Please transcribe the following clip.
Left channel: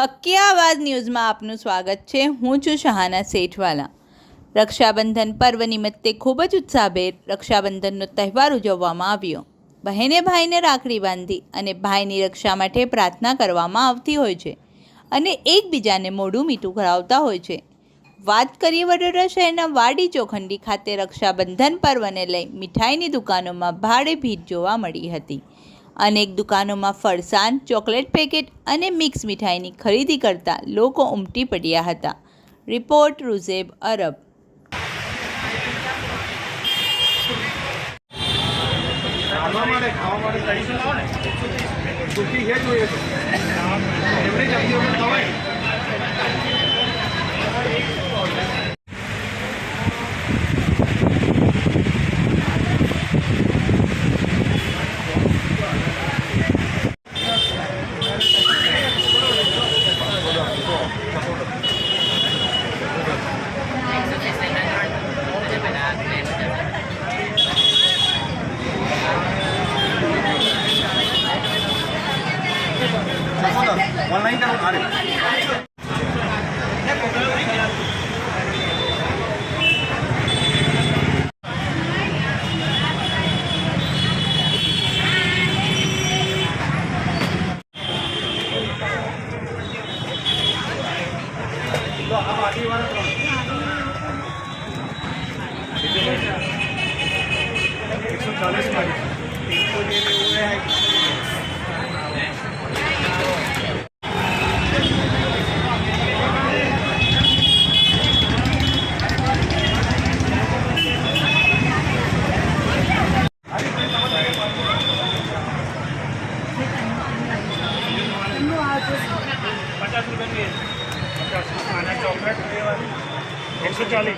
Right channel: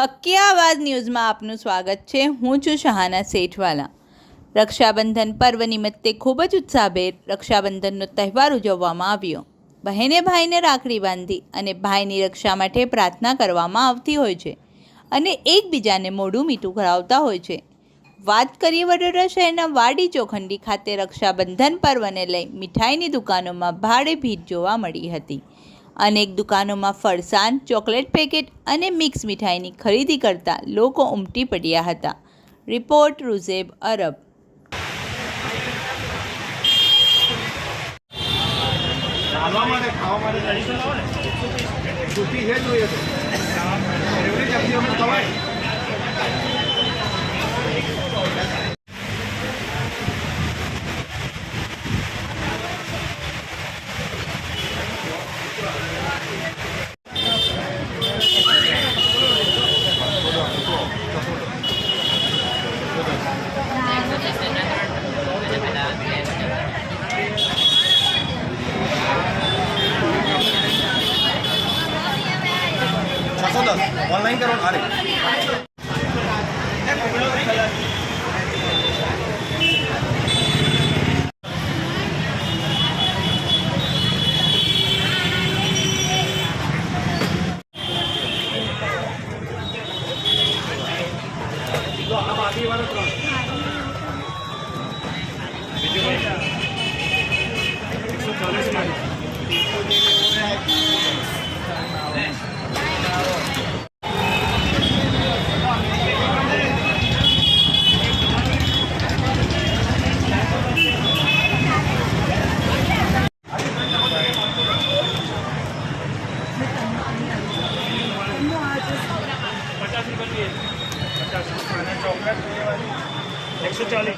હકિયાવાદ ન્યૂઝમાં આપનું સ્વાગત છે। હું છું શહાના સેઠવાલા। રક્ષાબંધન પર્વ નિમિત્તે ખૂબ જ ઉત્સાહભેર રક્ષાબંધનનો તહેવાર ઉજવવામાં આવ્યો। બહેને ભાઈને રાખડી બાંધી અને ભાઈની રક્ષા માટે પ્રાર્થના કરવામાં આવતી હોય છે અને એકબીજાને મોઢું મીઠું કરાવતા હોય છે। વાત કરીએ વડોદરા શહેરના વાડી ચોખંડી ખાતે રક્ષાબંધન પર્વને લઈ મીઠાઈની દુકાનોમાં ભારે ભીડ જોવા મળી હતી। અનેક દુકાનોમાં ફરસાણ, ચોકલેટ પેકેટ અને મિક્સ મીઠાઈની ખરીદી કરતા લોકો ઉમટી પડ્યા હતા। રિપોર્ટ રૂઝેબ અરબ। ऑनलाइन करो अरे अब आधी वाला 50 रुपये की 50 चॉकलेट 140